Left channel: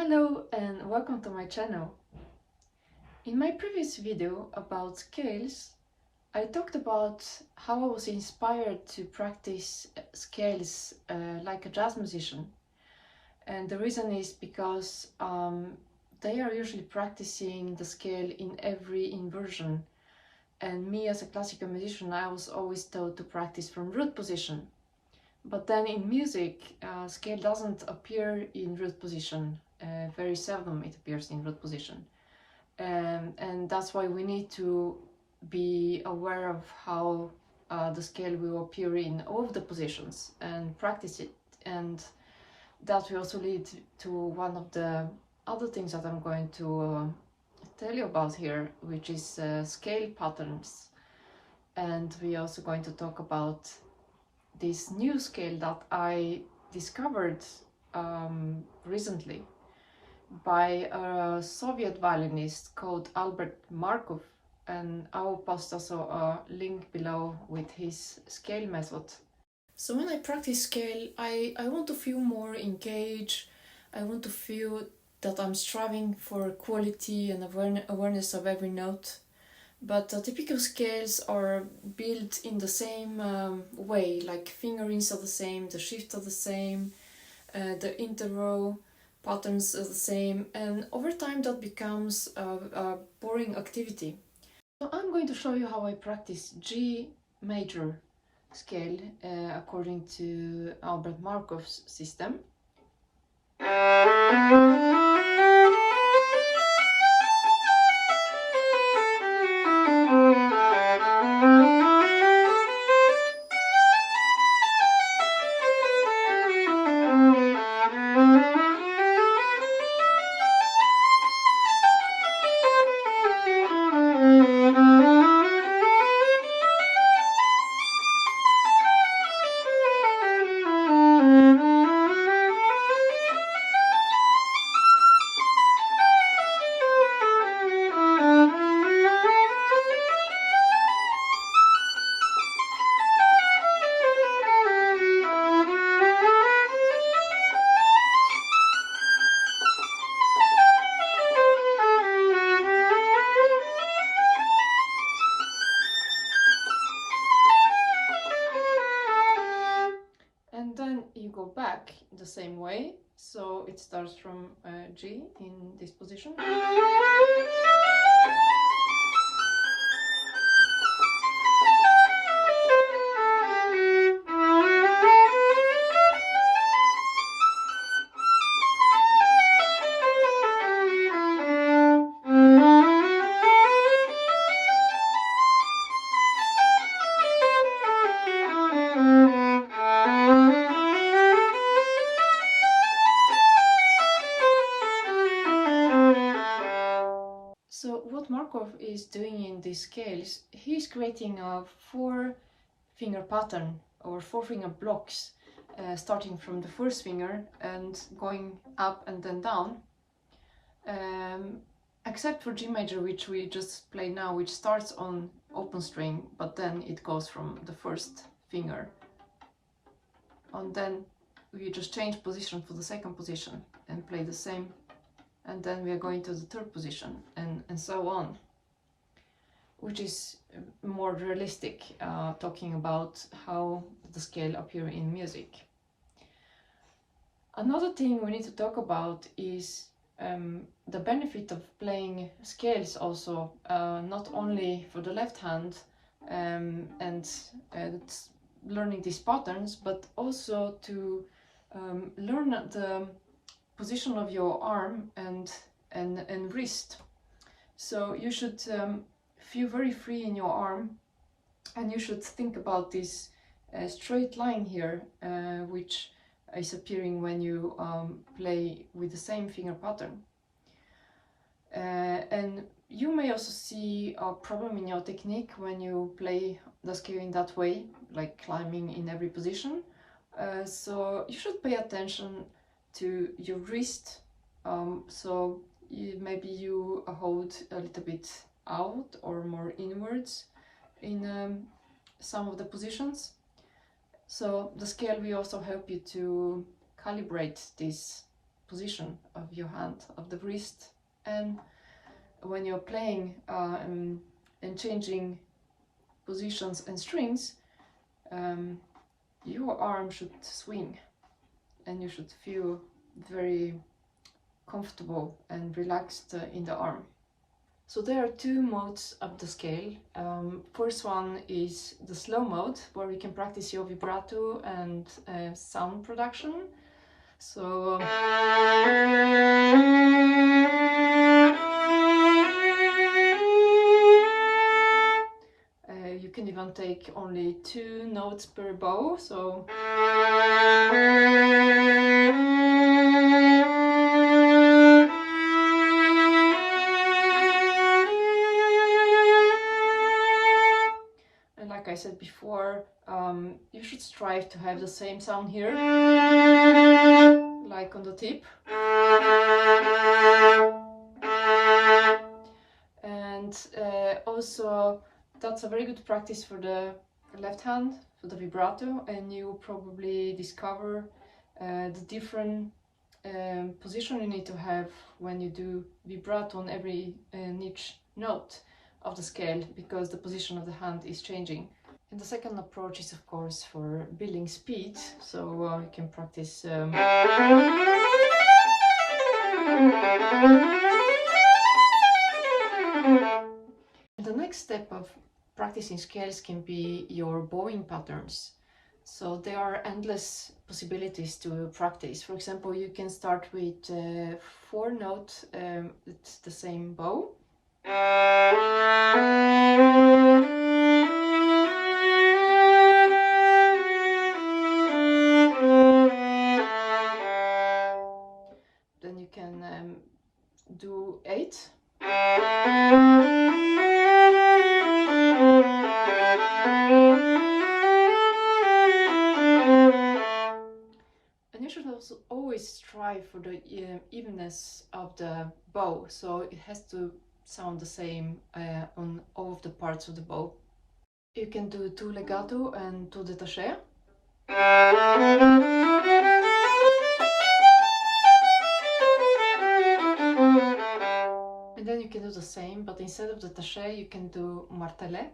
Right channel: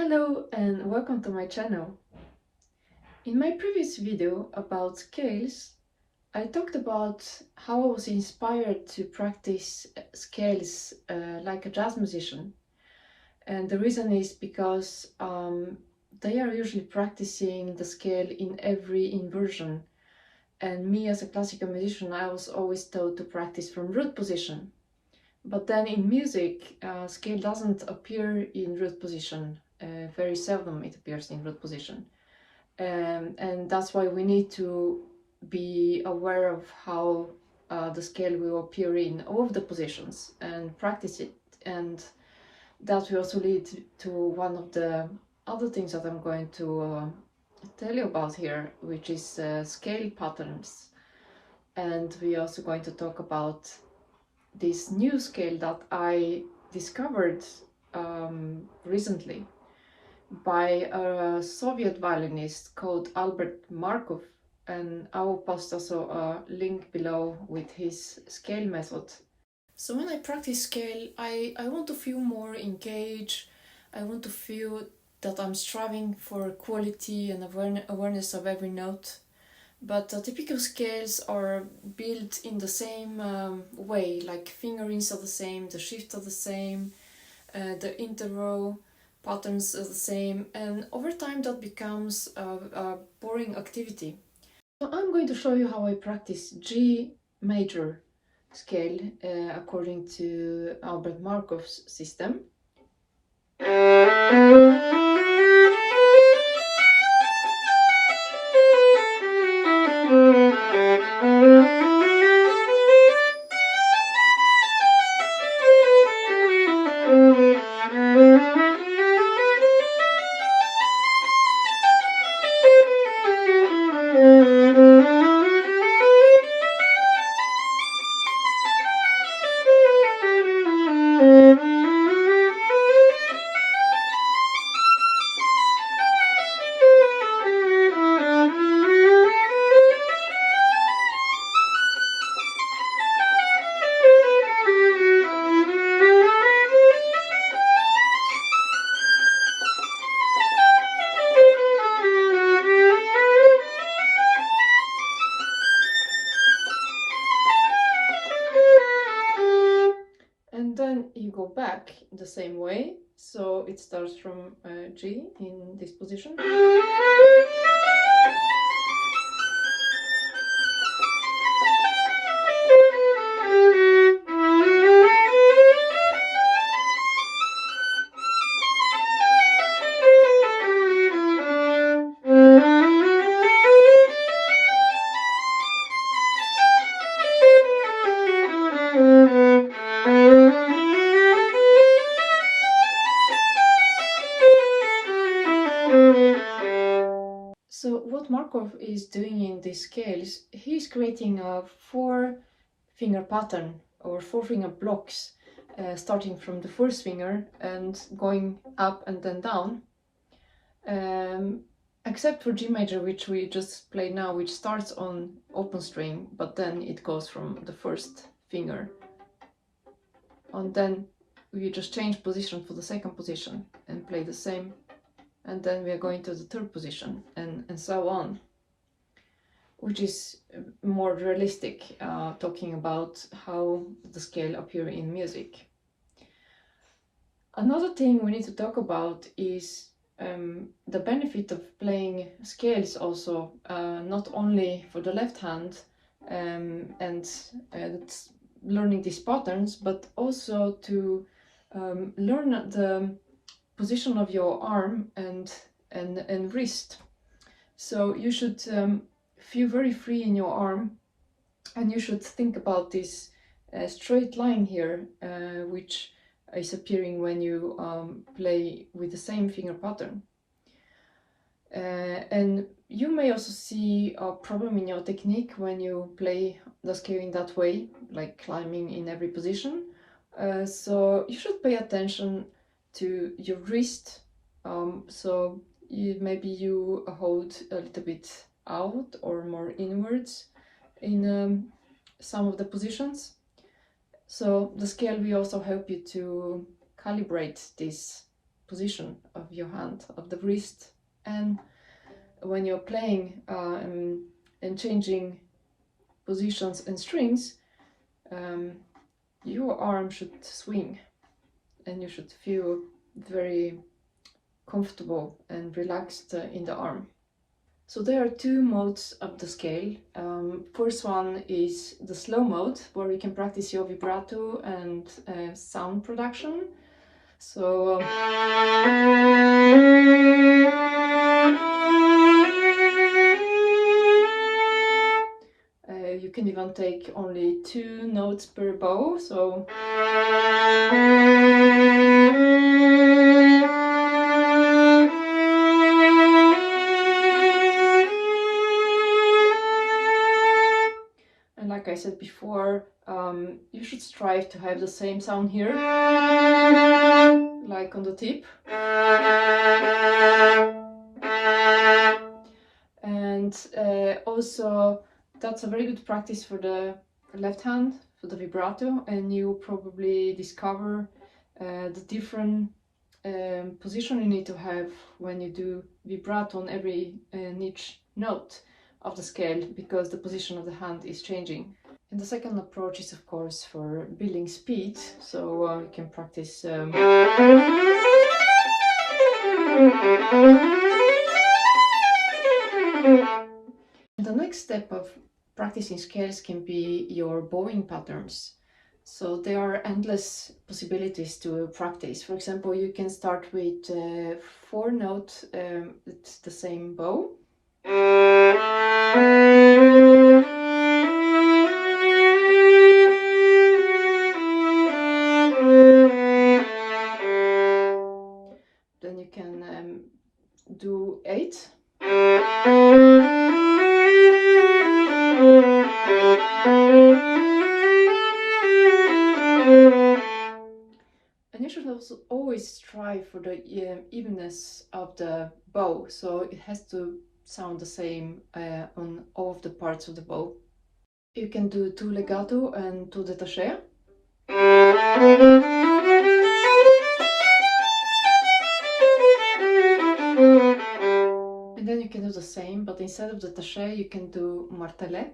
Hello and welcome to my channel. In my previous video about scales, I talked about how I was inspired to practice scales like a jazz musician. And the reason is because they are usually practicing the scale in every inversion. And me as a classical musician, I was always taught to practice from root position. But then in music, scale doesn't appear in root position. Very seldom it appears in root position. And that's why we need to be aware of how the scale will appear in all of the positions and practice it. And that will also lead to one of the other things that I'm going to tell you about here, which is scale patterns. And we're also going to talk about this new scale that I discovered recently by a Soviet violinist called Albert Markov, and I will post also a link below with his scale method. So when I practice scale, I want to feel more engaged. I want to feel that I'm striving for quality and awareness of every note. But typical scales are built in the same way, like fingerings are the same, the shifts are the same, the interval patterns are the same, and over time that becomes a boring activity. So I'm going to show you how I practice G major scale according to Albert Markov's system. And then you go back the same way, so it starts from G in this position. So what Markov is doing in these scales, he's creating a 4-finger pattern or 4-finger blocks, starting from the first finger and going up and then down, except for G major, which we just play now, which starts on open string, but then it goes from the first finger. And then we just change position for the second position and play the same, and then we are going to the third position and so on, which is more realistic, talking about how the scale appear in music. Another thing we need to talk about is the benefit of playing scales also, not only for the left hand and learning these patterns, but also to learn the position of your arm and wrist. So you should feel very free in your arm, and you should think about this straight line here, which is appearing when you play with the same finger pattern. And you may also see a problem in your technique when you play the scale in that way, like climbing in every position. So you should pay attention to your wrist. So maybe you hold a little bit out or more inwards in some of the positions. So the scale will also help you to calibrate this position of your hand, of the wrist, and when you're playing and changing positions and strings, your arm should swing and you should feel very comfortable and relaxed in the arm. So there are two modes of the scale. First one is the slow mode, where we can practice your vibrato and sound production. So you can even take only 2 notes per bow. So and like I said before, you should strive to have the same sound here, like on the tip. And also that's a very good practice for the left hand, for the vibrato, and you probably discover the different position you need to have when you do vibrato on every each note of the scale, because the position of the hand is changing. And the second approach is of course for building speed, so you can practice the next step of practicing scales can be your bowing patterns. So there are endless possibilities to practice. For example, you can start with 4 notes, it's the same bow. Then you can do 8. And you should also always strive for the evenness of the bow, so it has to sound the same on all of the parts of the bow. You can do 2 legato and 2 détaché. And then you can do the same, but instead of détaché you can do martelé.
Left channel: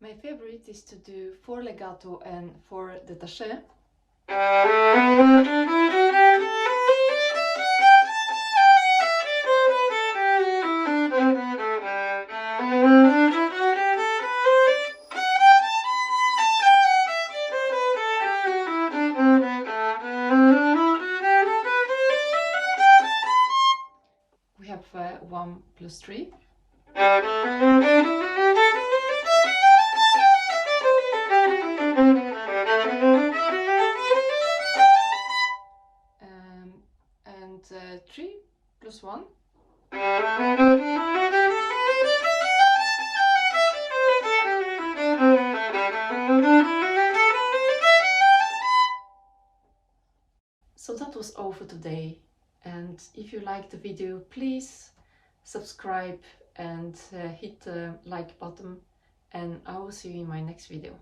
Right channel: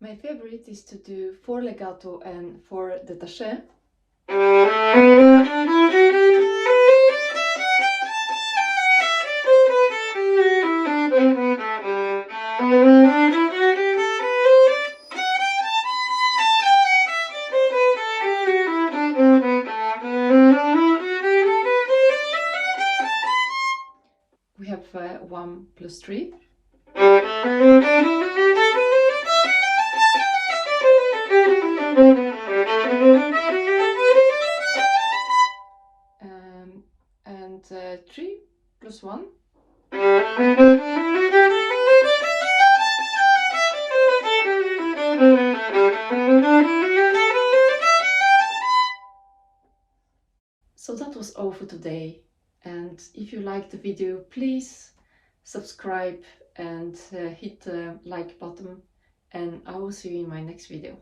My favorite is to do 4 legato and 4 détaché. We have 1 plus 3. And 3 plus 1. So that was all for today, and if you liked the video, please subscribe and hit the like button, and I will see you in my next video.